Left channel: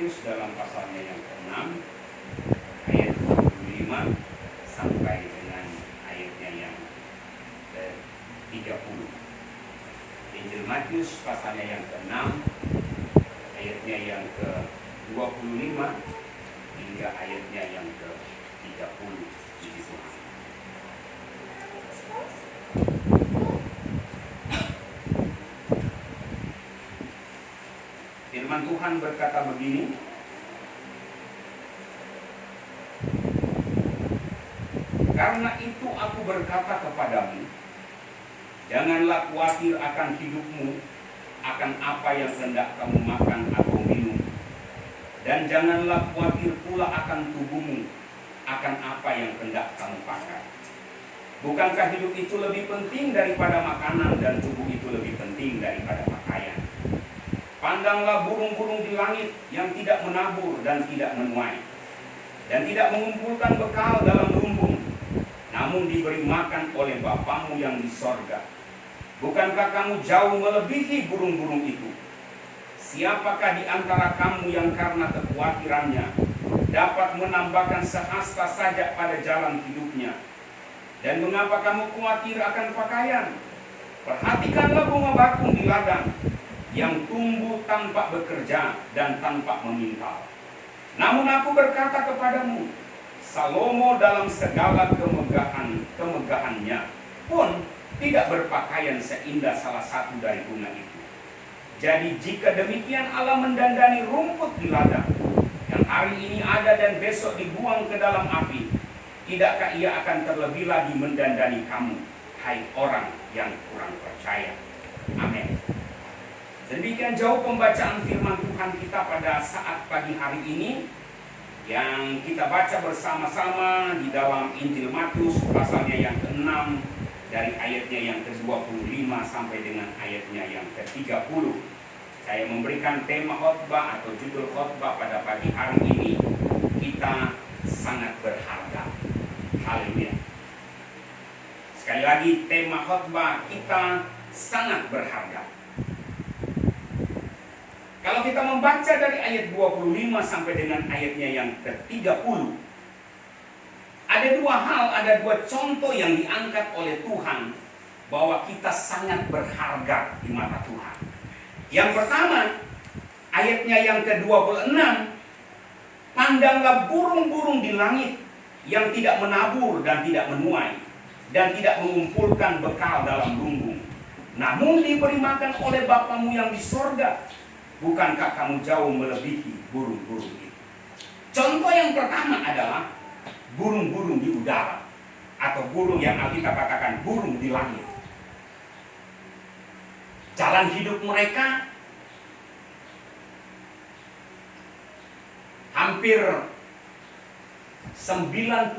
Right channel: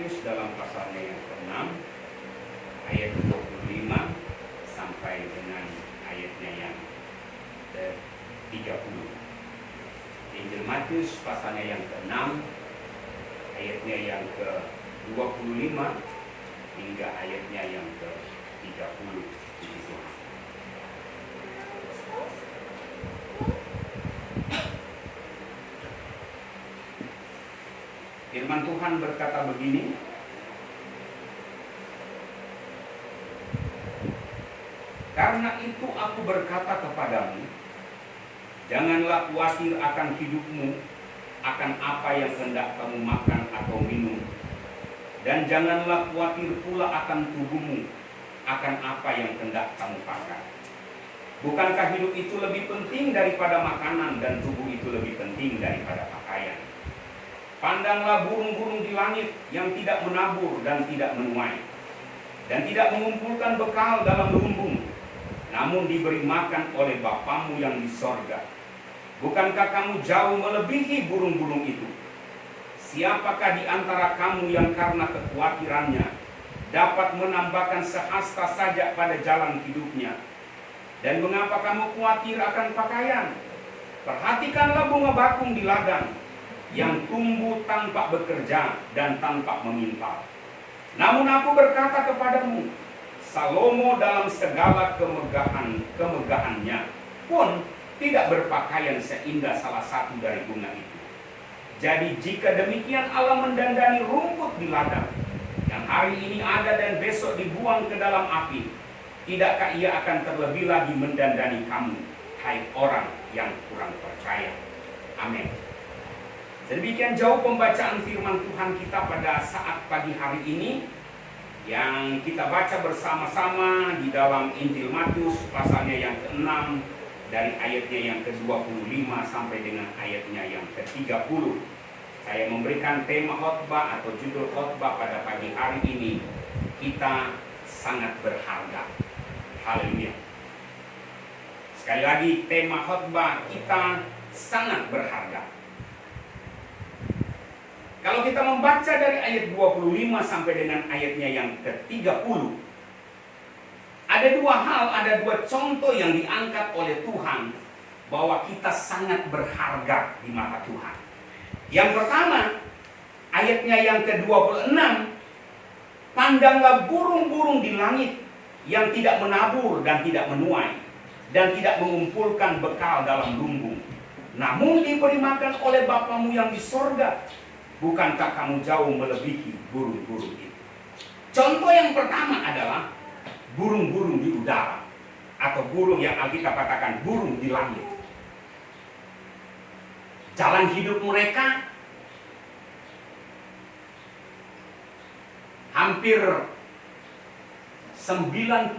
Matius dalam pasalnya yang ke-6 ayat 25 sampai dengan ayatnya yang ke-30. Injil Matius pasalnya yang ke-6 ayatnya yang ke-25 hingga ayatnya yang ke-30. Firman Tuhan berkata begini, karena itu aku berkata kepadamu, janganlah khawatir akan hidupmu, akan apa yang hendak kamu makan atau minum, dan janganlah khawatir pula akan tubuhmu, akan apa yang hendak kamu pakai. Bukankah hidup itu lebih penting daripada makanan, dan tubuh itu lebih penting daripada pakaian? Pandanglah burung-burung di langit yang tidak menabur dan tidak menuai, dan tidak mengumpulkan bekal dalam lumbung, namun diberi makan oleh Bapamu yang di sorga. Bukankah kamu jauh melebihi burung-burung itu? Siapakah di antara kamu yang karena kekhawatirannya dapat menambahkan sehasta saja pada jalan hidupnya? Dan mengapa kamu khawatir akan pakaian? Perhatikanlah bunga bakung di ladang, yang tumbuh tanpa bekerja dan tanpa memintal. Namun aku berkata kepadamu, Salomo dalam segala kemegahannya pun tidak berpakaian seindah salah satu dari bunga itu. Jadi jika demikian Allah mendandani rumput di ladang, yang hari ini ada dan besok dibuang ke dalam api, tidakkah Ia akan terlebih lagi mendandani kamu, hai orang yang kurang percaya? Amin. Demikian jauh pembacaan firman Tuhan kita pada saat pagi hari ini, yang kita baca bersama-sama di dalam Injil Matius pasalnya yang ke-6 dari ayatnya yang ke-25 sampai dengan ayatnya yang ke-30. Saya memberikan tema khotbah atau judul khotbah pada pagi hari ini, kita sangat berharga. Haleluya. Sekali lagi, tema khotbah, kita sangat berharga. Kalau kita membaca dari ayat 25 sampai dengan ayatnya yang ke-30, ada dua hal, ada dua contoh yang diangkat oleh Tuhan bahwa kita sangat berharga di mata Tuhan. Yang pertama, ayatnya yang ke-26, pandanglah burung-burung di langit yang tidak menabur dan tidak menuai, dan tidak mengumpulkan bekal dalam lumbung, namun diberi makan oleh Bapamu yang di sorga. Bukankah kamu jauh melebihi burung-burung itu? Contoh yang pertama adalah burung-burung di udara, atau burung yang Alkitab katakan burung di langit. Jalan hidup mereka hampir 95%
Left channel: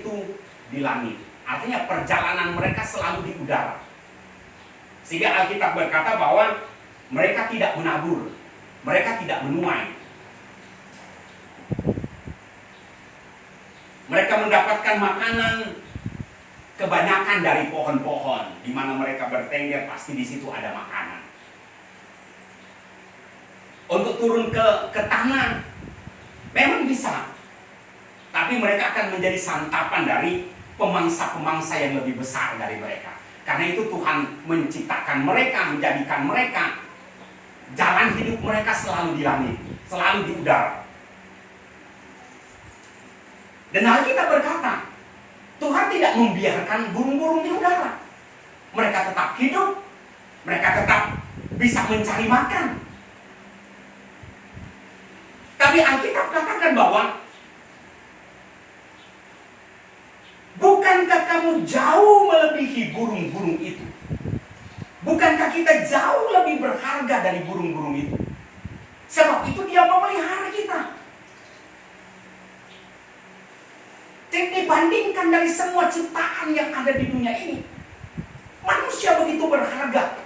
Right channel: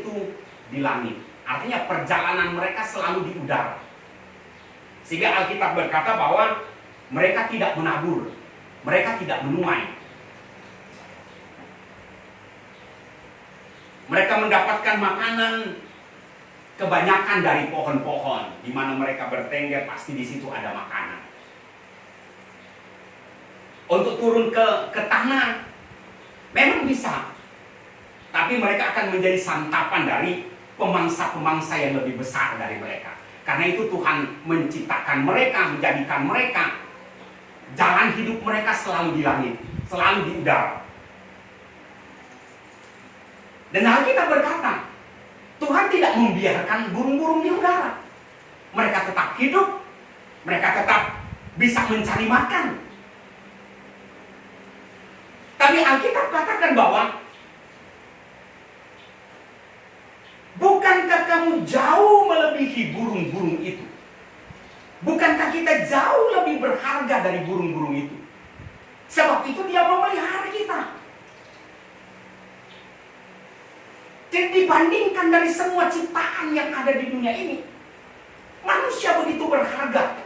itu di langit. Artinya perjalanan mereka selalu di udara. Sehingga Alkitab berkata bahwa mereka tidak menabur, mereka tidak menuai. Mereka mendapatkan makanan kebanyakan dari pohon-pohon, di mana mereka bertengger, pasti di situ ada makanan. Untuk turun ke tanah, memang bisa, tapi mereka akan menjadi santapan dari pemangsa-pemangsa yang lebih besar dari mereka. Karena itu Tuhan menciptakan mereka, menjadikan mereka, jalan hidup mereka selalu di langit, selalu di udara. Dan Alkitab berkata, Tuhan tidak membiarkan burung-burung di udara. Mereka tetap hidup, mereka tetap bisa mencari makan. Tapi Alkitab katakan bahwa, bukankah kamu jauh melebihi burung-burung itu? Bukankah kita jauh lebih berharga dari burung-burung itu? Sebab itu Dia memelihara kita. Jadi dibandingkan dari semua ciptaan yang ada di dunia ini, manusia begitu berharga.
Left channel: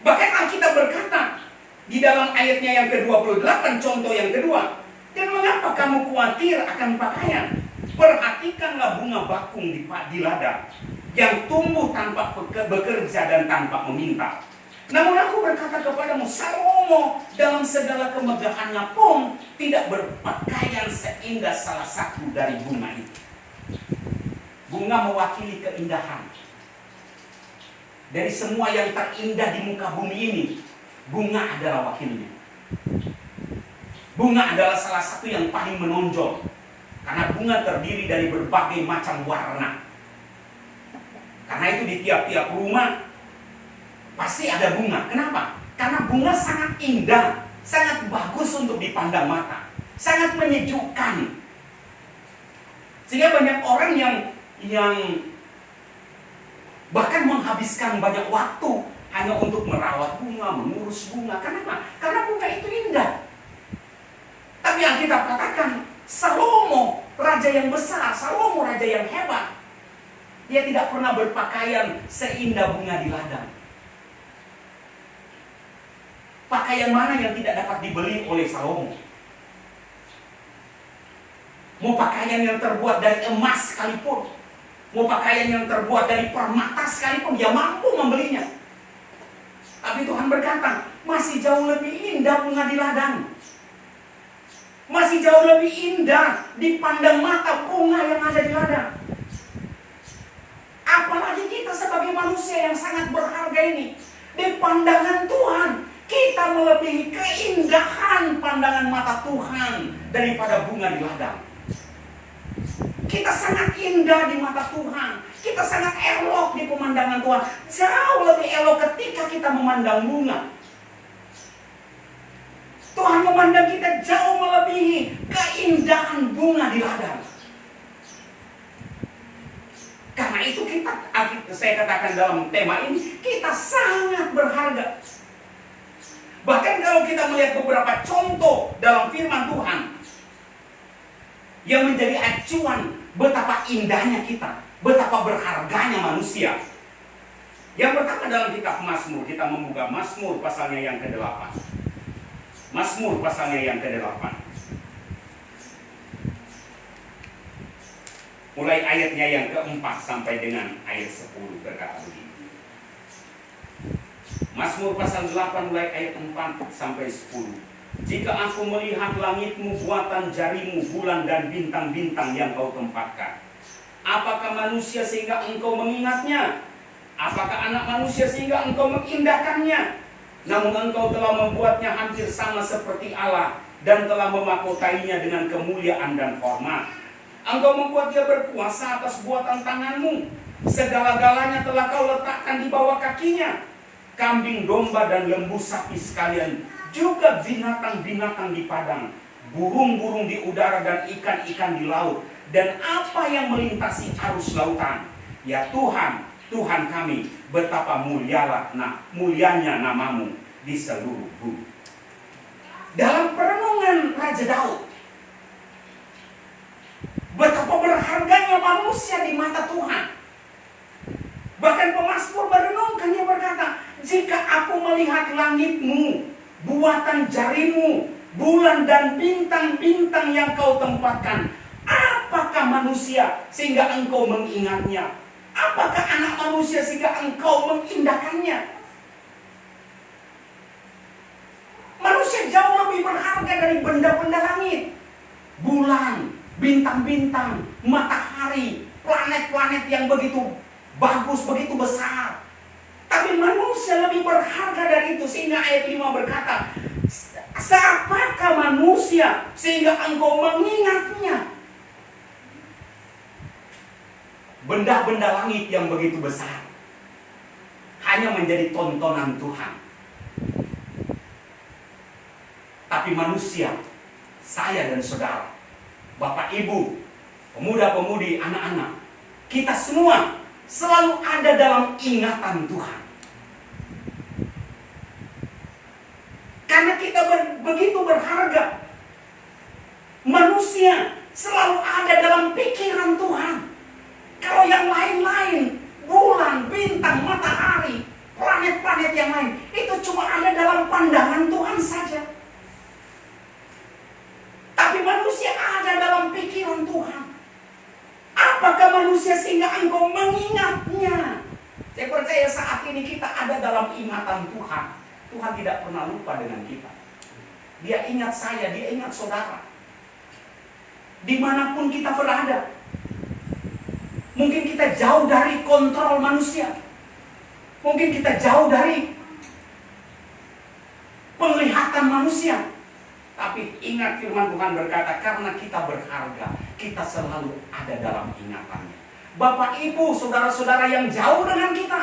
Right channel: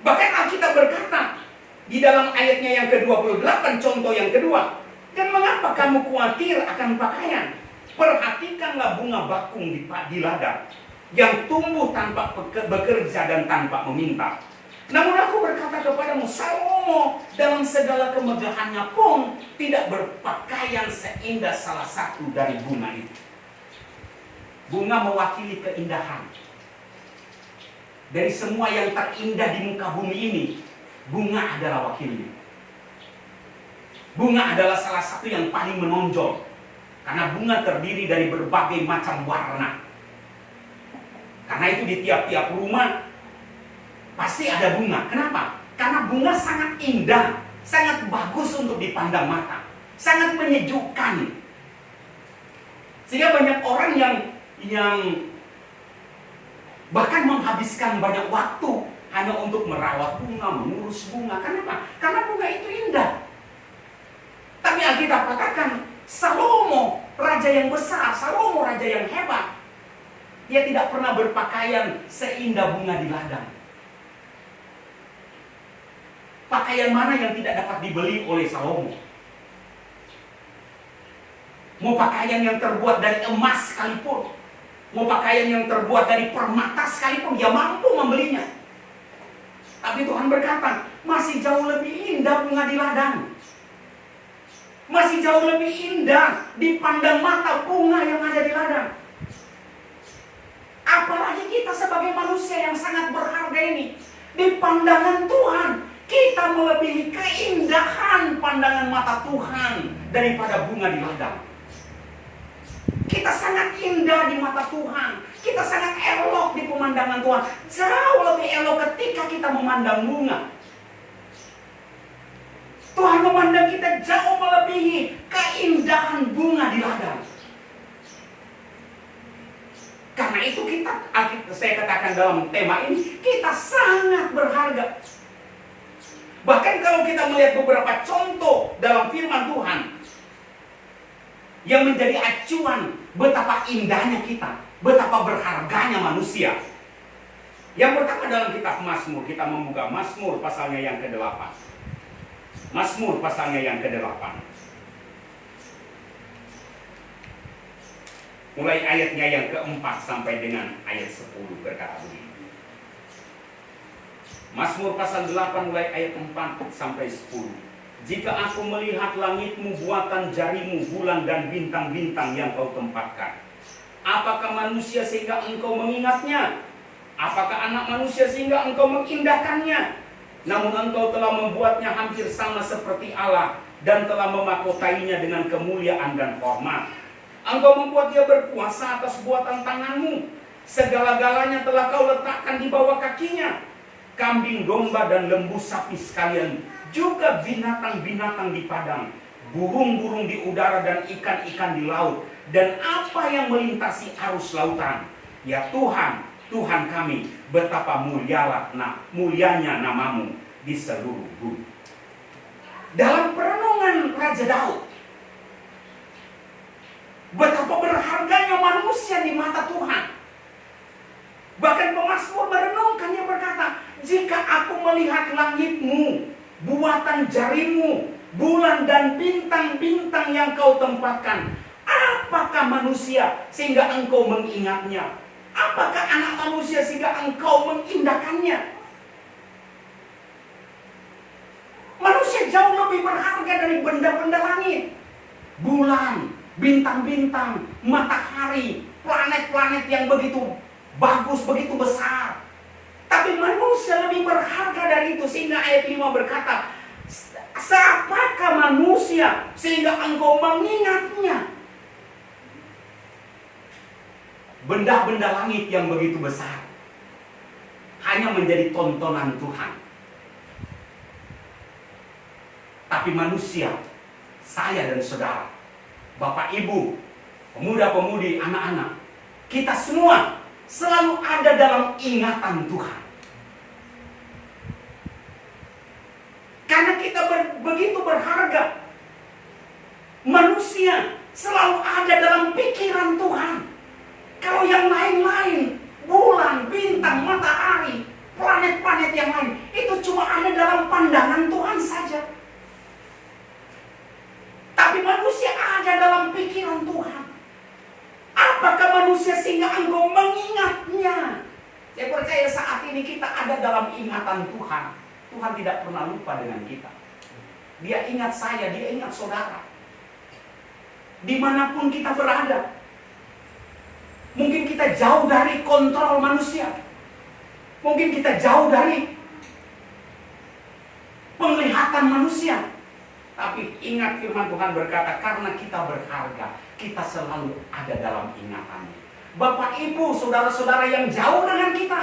Bahkan Alkitab berkata di dalam ayatnya yang ke-28, contoh yang kedua, dan mengapa kamu khawatir akan pakaian? Perhatikanlah bunga bakung di ladang, yang tumbuh tanpa bekerja dan tanpa meminta. Namun aku berkata kepadamu, Salomo dalam segala kemegahannya pun tidak berpakaian seindah salah satu dari bunga itu. Bunga mewakili keindahan. Dari semua yang terindah di muka bumi ini, bunga adalah wakilnya. Bunga adalah salah satu yang paling menonjol. Karena bunga terdiri dari berbagai macam warna. Karena itu di tiap-tiap rumah pasti ada bunga. Kenapa? Karena bunga sangat indah, sangat bagus untuk dipandang mata, sangat menyejukkan. Sehingga banyak orang yang bahkan menghabiskan banyak waktu hanya untuk merawat bunga, mengurus bunga. Kenapa? Karena bunga itu indah. Tapi Alkitab katakan, Salomo, raja yang besar, Salomo, raja yang hebat, dia tidak pernah berpakaian seindah bunga di ladang. Pakaian mana yang tidak dapat dibeli oleh Salomo? Mau pakaian yang terbuat dari emas sekalipun, mau pakaian yang terbuat dari permata sekalipun, dia mampu membelinya. Tapi Tuhan berkata, masih jauh lebih indah bunga di ladang. Masih jauh lebih indah dipandang mata bunga yang ada di ladang. Apalagi kita sebagai manusia yang sangat berharga ini, di pandangan Tuhan, kita melebihi keindahan pandangan mata Tuhan daripada bunga di ladang. Kita sangat indah di mata Tuhan. Kita sangat elok di pemandangan Tuhan. Jauh lebih elok ketika kita memandang bunga. Tuhan memandang kita jauh melebihi keindahan bunga di ladang. Karena itu saya katakan dalam tema ini, kita sangat berharga. Bahkan kalau kita melihat beberapa contoh dalam firman Tuhan yang menjadi acuan betapa indahnya kita, betapa berharganya manusia. Yang pertama dalam kitab Mazmur, kita membuka Mazmur pasalnya yang ke-8. Mazmur pasalnya yang ke-8. Mulai ayatnya yang ke-4 sampai dengan ayat 10 berkata begini. Mazmur pasal 8 mulai ayat 4 sampai 10. Jika aku melihat langitmu, buatan jarimu, bulan dan bintang-bintang yang kau tempatkan, apakah manusia sehingga engkau mengingatnya? Apakah anak manusia sehingga engkau mengindahkannya? Namun engkau telah membuatnya hampir sama seperti Allah, dan telah memakotainya dengan kemuliaan dan hormat. Engkau membuat dia berkuasa atas buatan tanganmu. Segala-galanya telah kau letakkan di bawah kakinya. Kambing, domba, dan lembu sapi sekalian, juga binatang-binatang di padang, burung-burung di udara, dan ikan-ikan di laut, dan apa yang melintasi arus lautan. Ya Tuhan, Tuhan kami, betapa mulianya namamu di seluruh bumi. Dalam perenungan Raja Daud, betapa berharganya manusia di mata Tuhan. Bahkan pemazmur merenungkan, dia berkata, jika aku melihat langitmu, buatan jarimu, bulan dan bintang-bintang yang kau tempatkan, apakah manusia sehingga engkau mengingatnya? Apakah anak manusia sehingga engkau mengindahkannya? Manusia jauh lebih berharga dari benda-benda langit. Bulan, bintang-bintang, matahari, planet-planet yang begitu bagus, begitu besar. Tapi manusia lebih berharga dari itu. Sehingga ayat 5 berkata, siapakah manusia sehingga engkau mengingatnya? Benda-benda langit yang begitu besar hanya menjadi tontonan Tuhan. Tapi manusia, saya dan saudara, bapak ibu, pemuda-pemudi, anak-anak, kita semua selalu ada dalam ingatan Tuhan. Karena kita begitu berharga, manusia selalu ada dalam pikiran Tuhan. Kalau yang lain-lain, bulan, bintang, matahari, planet-planet yang lain, itu cuma ada dalam pandangan Tuhan saja. Tapi manusia ada dalam pikiran Tuhan. Apakah manusia sehingga engkau mengingatnya? Saya percaya saat ini kita ada dalam ingatan Tuhan. Tuhan tidak pernah lupa dengan kita. Dia ingat saya, dia ingat saudara. Dimanapun kita berada. Mungkin kita jauh dari kontrol manusia. Mungkin kita jauh dari penglihatan manusia. Tapi ingat firman Tuhan berkata, karena kita berharga, kita selalu ada dalam ingatannya. Bapak, Ibu, saudara-saudara yang jauh dengan kita,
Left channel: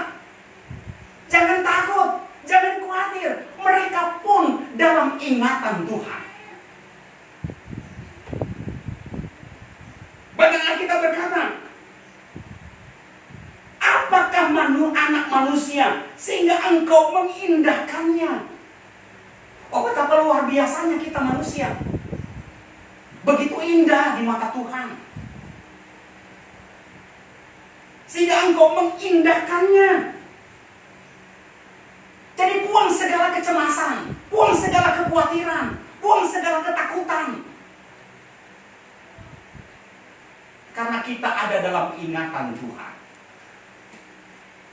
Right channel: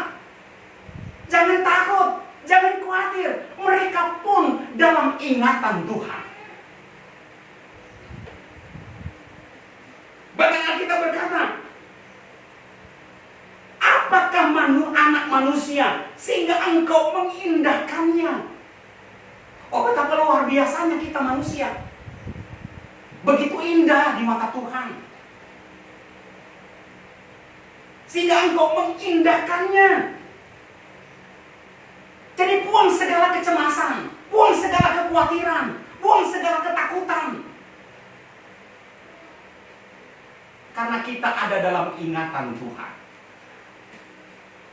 jangan takut, jangan khawatir. Mereka pun dalam ingatan Tuhan. Bahkan kita berkata, apakah anak manusia sehingga engkau mengindahkannya? Oh, betapa luar biasanya kita manusia. Begitu indah di mata Tuhan. Sehingga engkau mengindahkannya. Jadi buang segala kecemasan, buang segala kekhawatiran, buang segala ketakutan. Karena kita ada dalam ingatan Tuhan.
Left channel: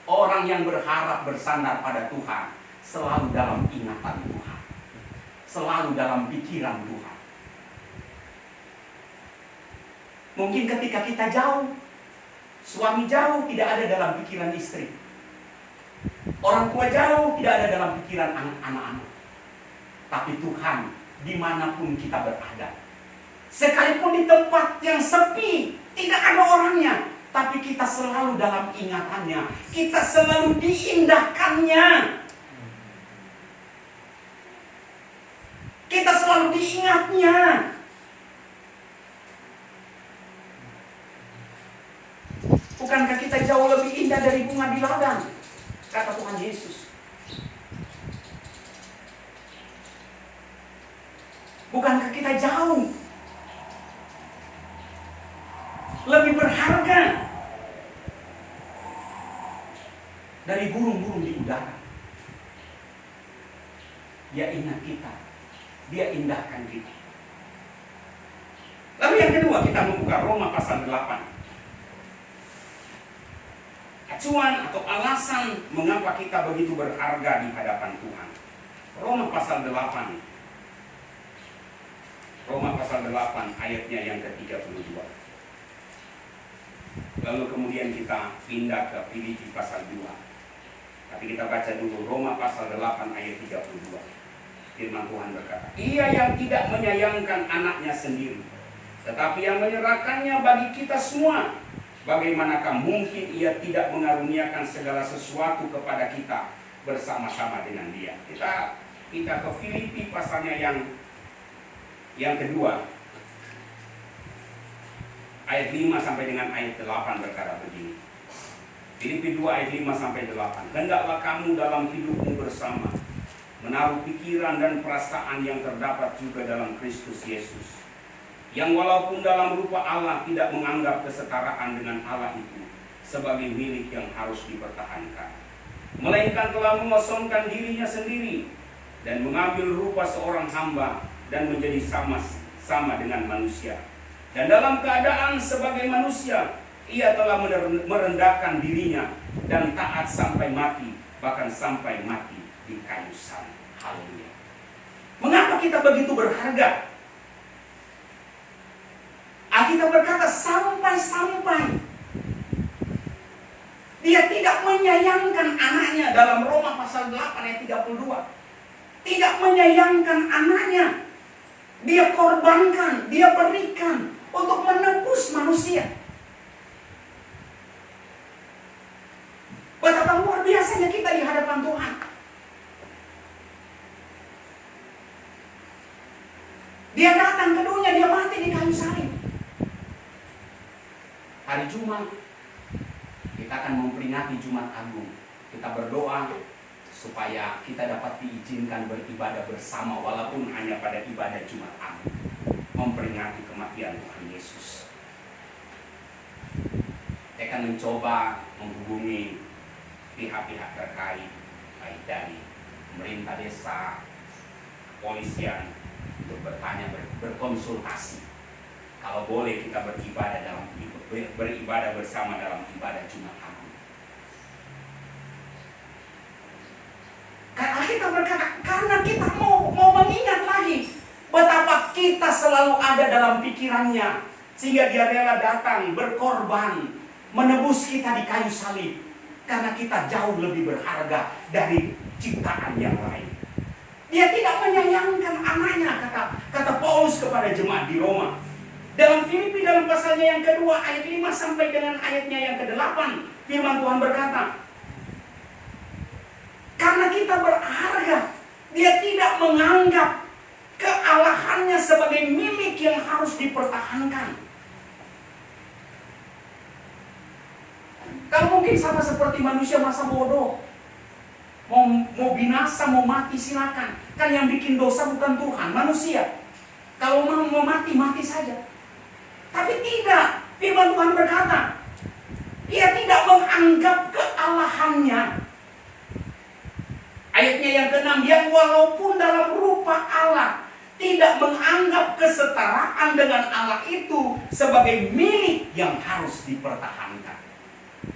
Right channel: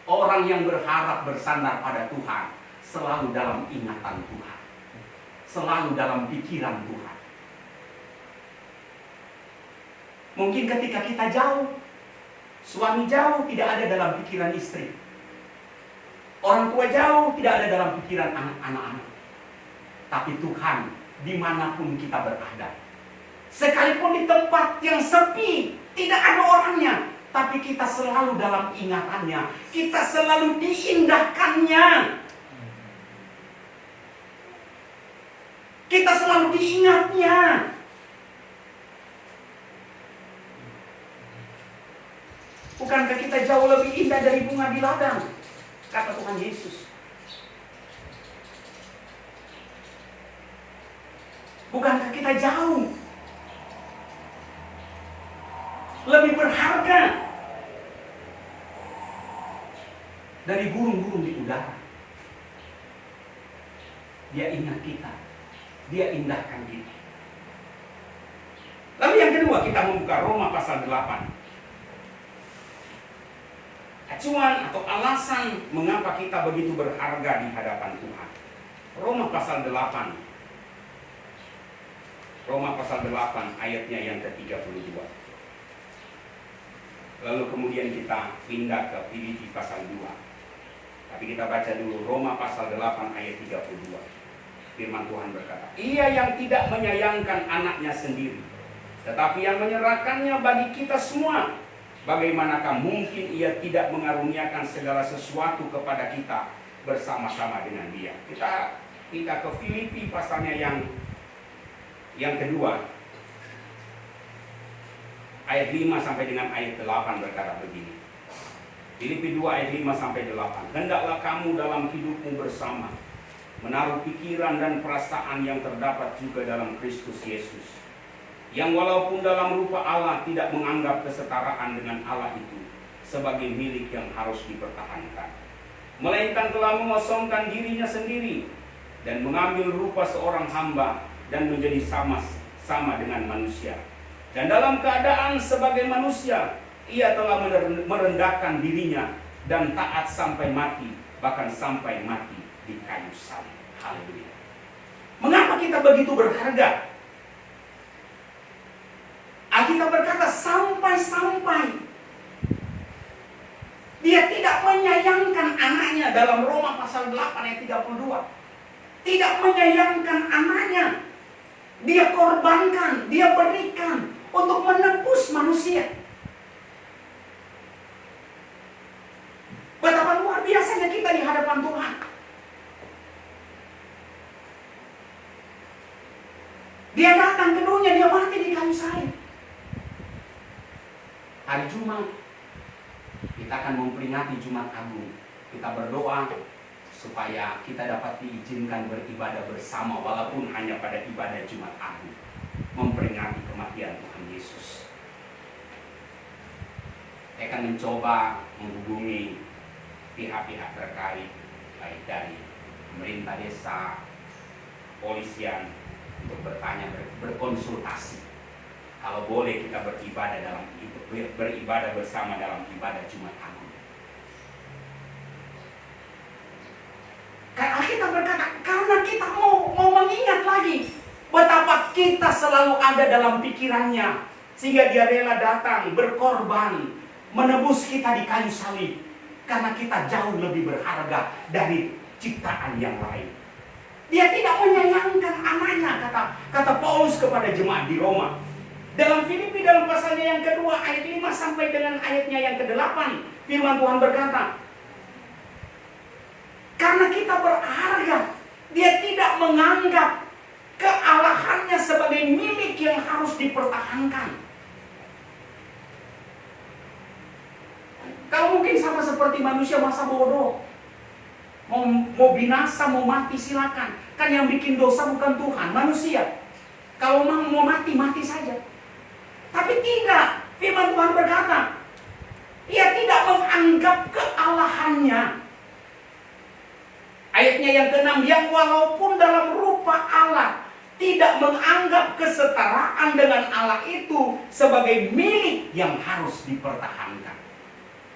Orang yang berharap bersandar pada Tuhan selalu dalam ingatan Tuhan. Selalu dalam pikiran Tuhan. Mungkin ketika kita jauh, suami jauh, tidak ada dalam pikiran istri. Orang tua jauh, tidak ada dalam pikiran anak-anak. Tapi Tuhan, dimanapun kita berada, sekalipun di tempat yang sepi, tidak ada orangnya, tapi kita selalu dalam ingatannya. Kita selalu diindahkannya. Kita selalu diingatnya. Bukankah kita jauh lebih indah dari bunga di ladang? Kata Tuhan Yesus. Bukankah kita jauh lebih berharga dari burung-burung di udara? Dia ingat kita. Dia indahkan kita. Lalu yang kedua, kita membuka Roma pasal 8. Acuan atau alasan mengapa kita begitu berharga di hadapan Tuhan. Roma pasal 8. Roma pasal 8 ayatnya yang ke-32. Lalu kemudian kita pindah ke Filipi pasal 2. Tapi kita baca dulu Roma pasal 8 ayat 32. Firman Tuhan berkata, Ia yang tidak menyayangkan anaknya sendiri, tetapi yang menyerahkannya bagi kita semua, bagaimanakah mungkin Ia tidak mengaruniakan segala sesuatu kepada kita bersama-sama dengan Dia? Kita ke Filipi pasalnya yang kedua, ayat 5 sampai dengan ayat 8 berkata begini. Filipi 2 ayat 5 sampai 8. Hendaklah kamu dalam hidupmu bersama menaruh pikiran dan perasaan yang terdapat juga dalam Kristus Yesus, yang walaupun dalam rupa Allah tidak menganggap kesetaraan dengan Allah itu sebagai milik yang harus dipertahankan, melainkan telah mengosongkan dirinya sendiri dan mengambil rupa seorang hamba dan menjadi sama dengan manusia. Dan dalam keadaan sebagai manusia, Ia telah merendahkan dirinya dan taat sampai mati, bahkan sampai mati di kayu salib. Haleluya. Mengapa kita begitu berharga? Alkitab berkata sampai-sampai Dia tidak menyayangkan anaknya. Dalam Roma pasal 8 ayat 32. Tidak menyayangkan anaknya. Dia korbankan, Dia berikan untuk menebus manusia. Betapa luar biasanya kita di hadapan Tuhan. Dia datang ke dunia, Dia mati di kayu salib. Hari Jumat kita akan memperingati Jumat Agung. Kita berdoa supaya kita dapat diizinkan beribadah bersama, walaupun hanya pada ibadah Jumat Agung, memperingati kematian Tuhan Yesus. Saya akan mencoba menghubungi pihak-pihak terkait, baik dari pemerintah desa, polisian, untuk bertanya, berkonsultasi. Kalau boleh kita beribadah bersama dalam ibadah Jumat Agung. Alkitab berkata, karena kita mau mengingat lagi betapa kita selalu ada dalam pikirannya, sehingga dia rela datang, berkorban, menebus kita di kayu salib. Karena kita jauh lebih berharga dari ciptaan yang lain. Dia tidak menyayangkan anaknya, kata Paulus kepada jemaat di Roma. Dalam Filipi dalam pasalnya yang kedua ayat 5 sampai dengan ayatnya yang ke-8, firman Tuhan berkata, karena kita berharga, dia tidak menganggap kealahannya sebagai milik yang harus dipertahankan. Kalau mungkin sama seperti manusia masa bodoh, mau binasa, mau mati silakan. Kan yang bikin dosa bukan Tuhan, manusia. Kalau mau mati, mati saja. Tapi tidak, firman Tuhan berkata, ia tidak menganggap kealahannya. Ayatnya yang ke-6, yang walaupun dalam rupa Allah, tidak menganggap kesetaraan dengan Allah itu sebagai milik yang harus dipertahankan.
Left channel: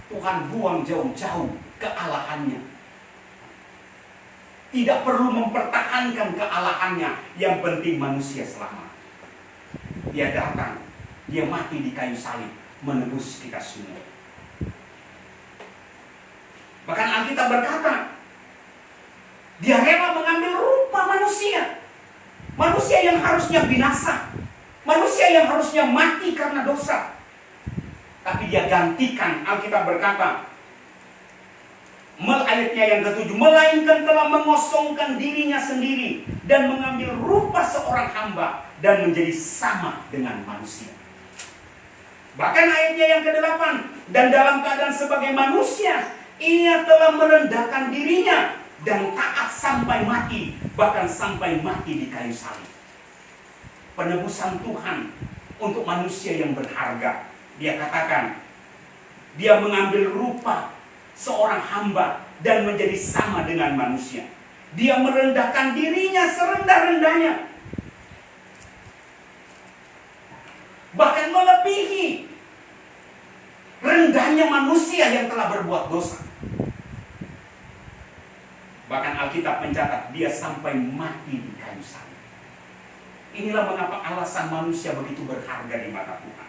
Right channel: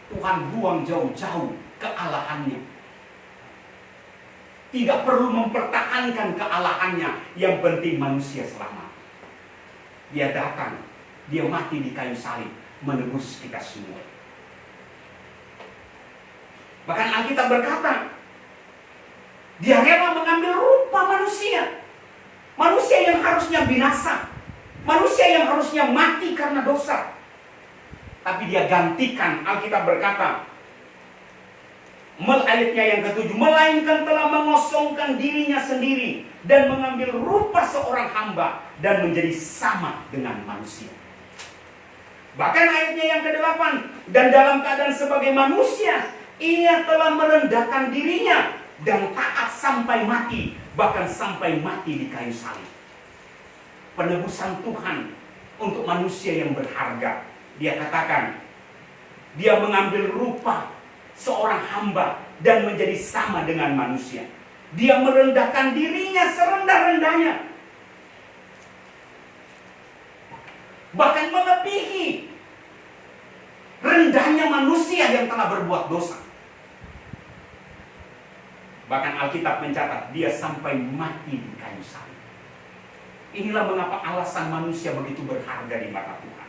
Tuhan buang jauh-jauh kealahannya. Tidak perlu mempertahankan kealahannya. Yang penting manusia selamat. Dia datang, dia mati di kayu salib, menebus kita semua. Bahkan Alkitab berkata, dia rela mengambil rupa manusia. Manusia yang harusnya binasa. Manusia yang harusnya mati karena dosa. Tapi dia gantikan, Alkitab berkata, ayatnya yang ke-7, melainkan telah mengosongkan dirinya sendiri dan mengambil rupa seorang hamba dan menjadi sama dengan manusia. Bahkan ayatnya yang ke-8, dan dalam keadaan sebagai manusia, ia telah merendahkan dirinya dan taat sampai mati, bahkan sampai mati di kayu salib. Penebusan Tuhan untuk manusia yang berharga. Dia katakan, dia mengambil rupa seorang hamba dan menjadi sama dengan manusia. Dia merendahkan dirinya serendah-rendahnya, bahkan melebihi rendahnya manusia yang telah berbuat dosa. Bahkan Alkitab mencatat, dia sampai mati di kayu salib. Inilah mengapa alasan manusia begitu berharga di mata Tuhan.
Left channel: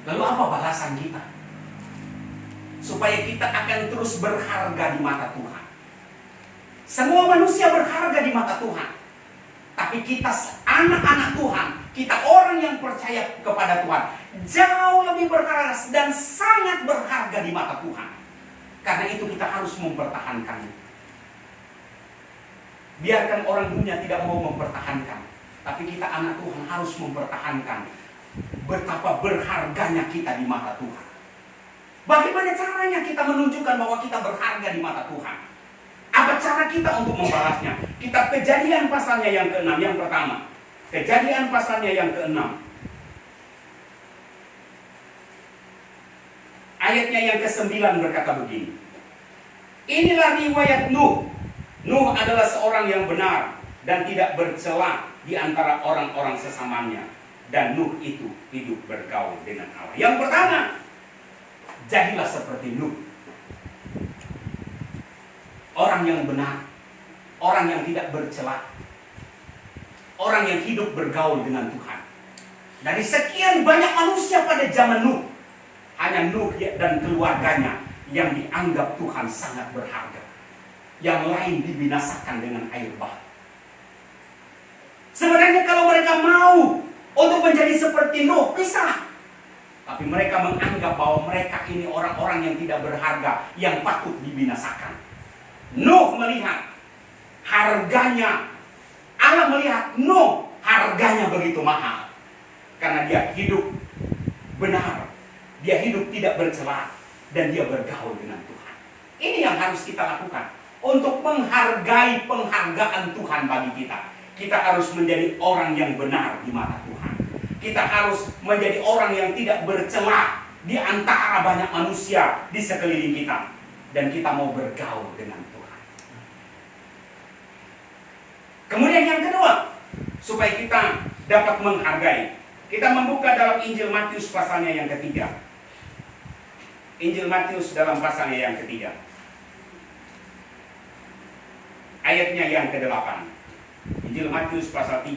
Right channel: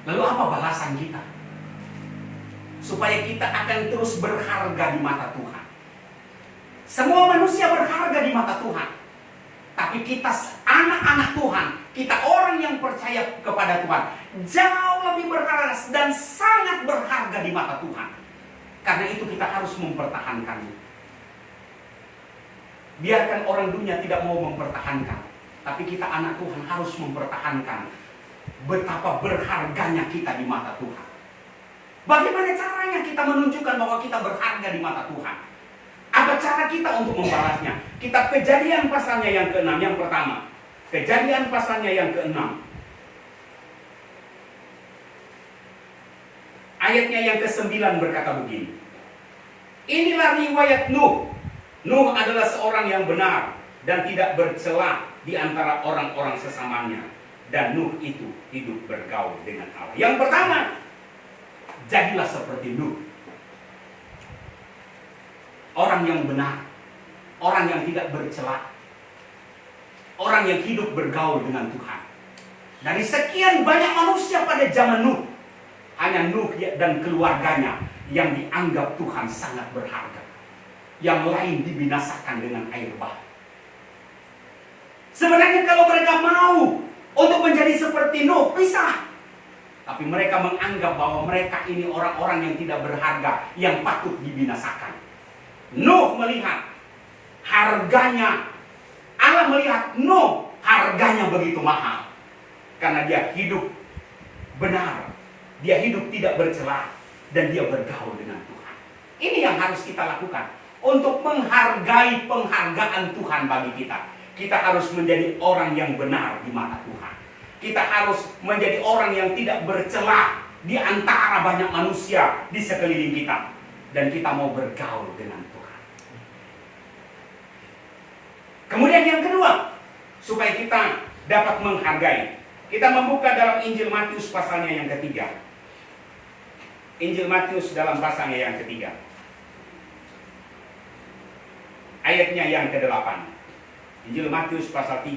Lalu apa balasan kita? Supaya kita akan terus berharga di mata Tuhan. Semua manusia berharga di mata Tuhan. Tapi kita anak-anak Tuhan, kita orang yang percaya kepada Tuhan, jauh lebih berharga dan sangat berharga di mata Tuhan. Karena itu kita harus mempertahankannya. Biarkan orang dunia tidak mau mempertahankan, tapi kita anak Tuhan harus mempertahankan. Betapa berharganya kita di mata Tuhan. Bagaimana caranya kita menunjukkan bahwa kita berharga di mata Tuhan? Apa cara kita untuk membalasnya? Kitab Kejadian pasalnya yang ke-6, yang pertama. Kejadian pasalnya yang ke-6. Ayatnya yang ke-9 berkata begini. Inilah riwayat Nuh. Nuh adalah seorang yang benar dan tidak bercela di antara orang-orang sesamanya. Dan Nuh itu hidup bergaul dengan Allah. Yang pertama, jadilah seperti Nuh. Orang yang benar, orang yang tidak bercela, orang yang hidup bergaul dengan Tuhan. Dari sekian banyak manusia pada zaman Nuh, hanya Nuh dan keluarganya yang dianggap Tuhan sangat berharga. Yang lain dibinasakan dengan air bah. Sebenarnya kalau mereka mau untuk menjadi seperti Nuh, bisa. Tapi mereka menganggap bahwa mereka ini orang-orang yang tidak berharga, yang patut dibinasakan. Nuh melihat harganya, Allah melihat Nuh harganya begitu mahal. Karena dia hidup benar, dia hidup tidak bercela, dan dia bergaul dengan Tuhan. Ini yang harus kita lakukan untuk menghargai penghargaan Tuhan bagi kita. Kita harus menjadi orang yang benar di mata Tuhan. Kita harus menjadi orang yang tidak bercela di antara banyak manusia di sekeliling kita. Dan kita mau bergaul dengan Tuhan. Kemudian yang kedua, supaya kita dapat menghargai, kita membuka dalam Injil Matius pasalnya yang ketiga. Injil Matius dalam pasalnya yang ketiga, ayatnya yang ke-8. Injil Matius pasal 3,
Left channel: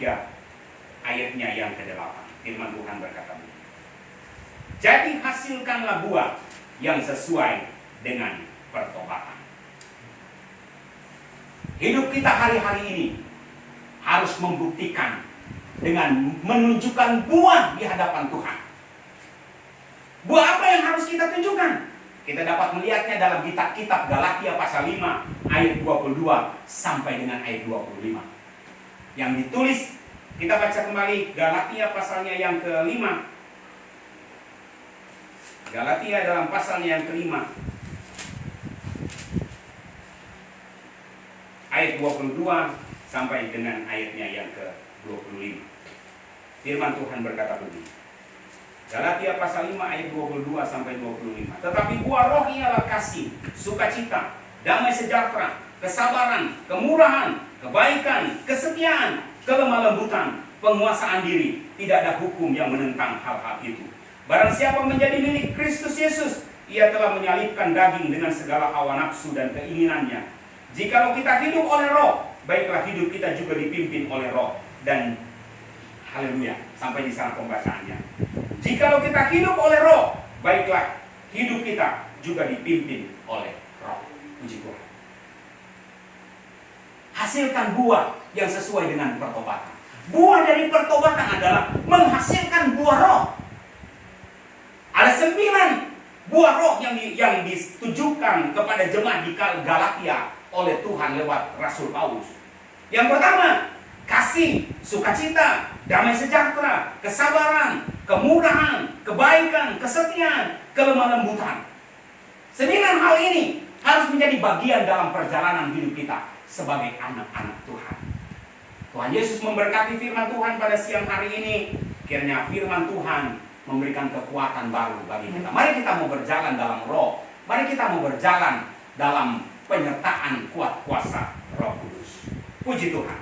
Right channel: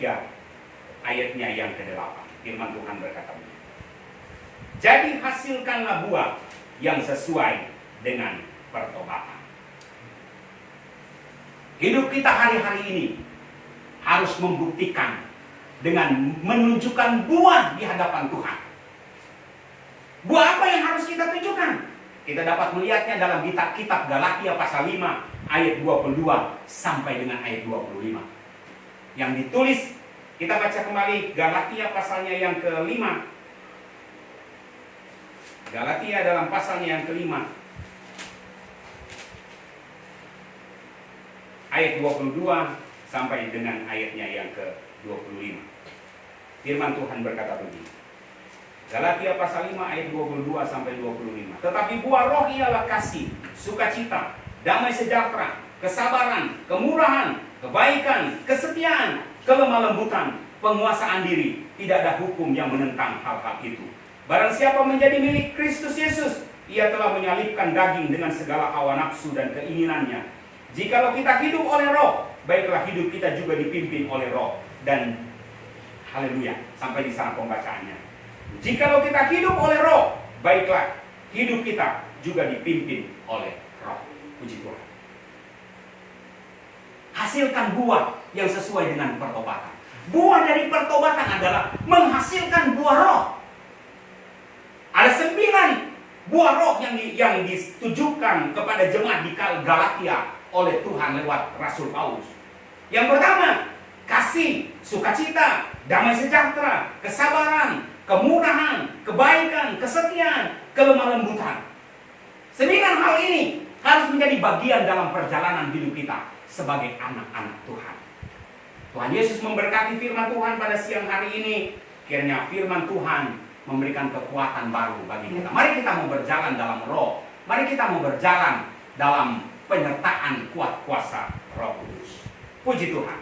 ayatnya yang ke-8. Firman Tuhan berkata, jadi hasilkanlah buah yang sesuai dengan pertobatan. Hidup kita hari-hari ini harus membuktikan dengan menunjukkan buah di hadapan Tuhan. Buah apa yang harus kita tunjukkan? Kita dapat melihatnya dalam kitab Galatia pasal 5 ayat 22 sampai dengan ayat 25. Yang ditulis, kita baca kembali Galatia pasalnya yang ke-5. Galatia dalam pasalnya yang ke-5 ayat 22 sampai dengan ayatnya yang ke-25. Firman Tuhan berkata begini. Galatia pasal 5 ayat 22 sampai 25. Tetapi buah roh ialah kasih, sukacita, damai sejahtera, kesabaran, kemurahan, kebaikan, kesetiaan, kelemah lembutan, penguasaan diri. Tidak ada hukum yang menentang hal-hal itu. Barang siapa menjadi milik Kristus Yesus, ia telah menyalibkan daging dengan segala hawa nafsu dan keinginannya. Jikalau kita hidup oleh roh, baiklah hidup kita juga dipimpin oleh roh. Dan haleluya, sampai di sana pembacaannya. Jikalau kita hidup oleh roh, baiklah hidup kita juga dipimpin oleh roh. Puji Tuhan. Hasilkan buah yang sesuai dengan pertobatan. Buah dari pertobatan adalah menghasilkan buah roh. Ada 9 buah roh yang ditujukan kepada jemaat di Galatia oleh Tuhan lewat Rasul Paulus. Yang pertama, kasih, sukacita, damai sejahtera, kesabaran, kemurahan, kebaikan, kesetiaan, kelemah lembutan. 9 hal ini harus menjadi bagian dalam perjalanan hidup kita sebagai anak-anak Tuhan. Tuhan Yesus memberkati firman Tuhan pada siang hari ini. Kiranya firman Tuhan memberikan kekuatan baru bagi kita. Mari kita mau berjalan dalam roh. Mari kita mau berjalan dalam penyertaan kuat kuasa Roh Kudus. Puji Tuhan.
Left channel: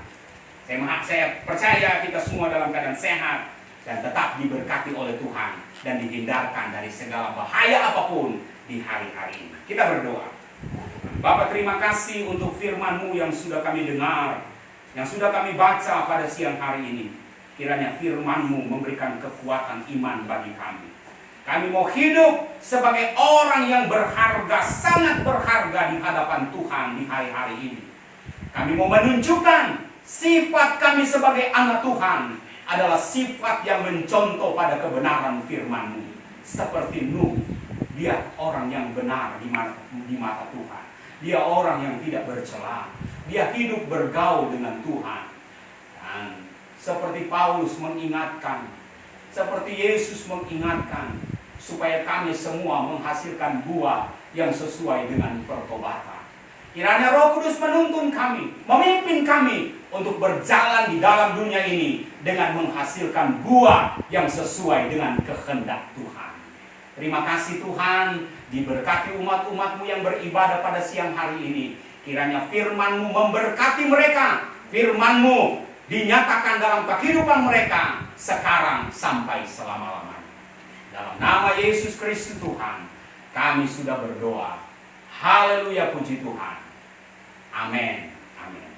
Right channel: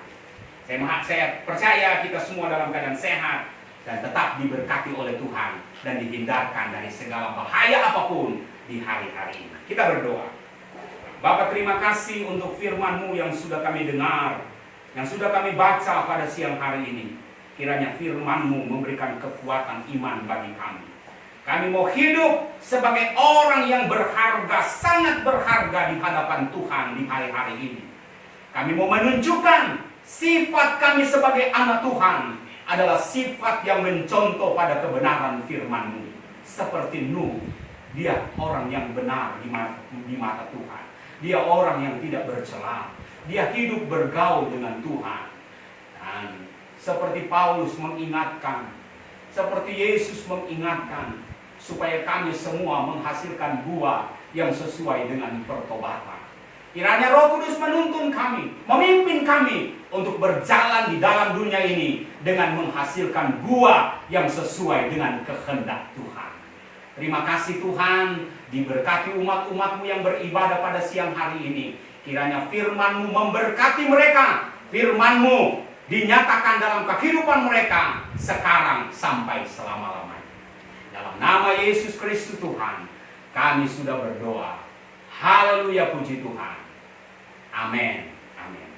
Saya percaya kita semua dalam keadaan sehat dan tetap diberkati oleh Tuhan dan dihindarkan dari segala bahaya apapun di hari-hari ini. Kita berdoa. Bapa, terima kasih untuk firman-Mu yang sudah kami dengar, yang sudah kami baca pada siang hari ini. Kiranya firman-Mu memberikan kekuatan iman bagi kami. Kami mau hidup sebagai orang yang berharga, sangat berharga di hadapan Tuhan di hari-hari ini. Kami mau menunjukkan sifat kami sebagai anak Tuhan adalah sifat yang mencontoh pada kebenaran firman-Mu. Seperti Nuh, dia orang yang benar di mata Tuhan. Dia orang yang tidak bercela. Dia hidup bergaul dengan Tuhan. Dan seperti Paulus mengingatkan, seperti Yesus mengingatkan, supaya kami semua menghasilkan buah yang sesuai dengan pertobatan. Kiranya Roh Kudus menuntun kami, memimpin kami untuk berjalan di dalam dunia ini dengan menghasilkan buah yang sesuai dengan kehendak Tuhan. Terima kasih Tuhan, diberkati umat-umat-Mu yang beribadah pada siang hari ini. Kiranya firman-Mu memberkati mereka, firman-Mu dinyatakan dalam kehidupan mereka sekarang sampai selama-lamanya. Dalam nama Yesus Kristus Tuhan, kami sudah berdoa. Haleluya, puji Tuhan. Amin. Amin.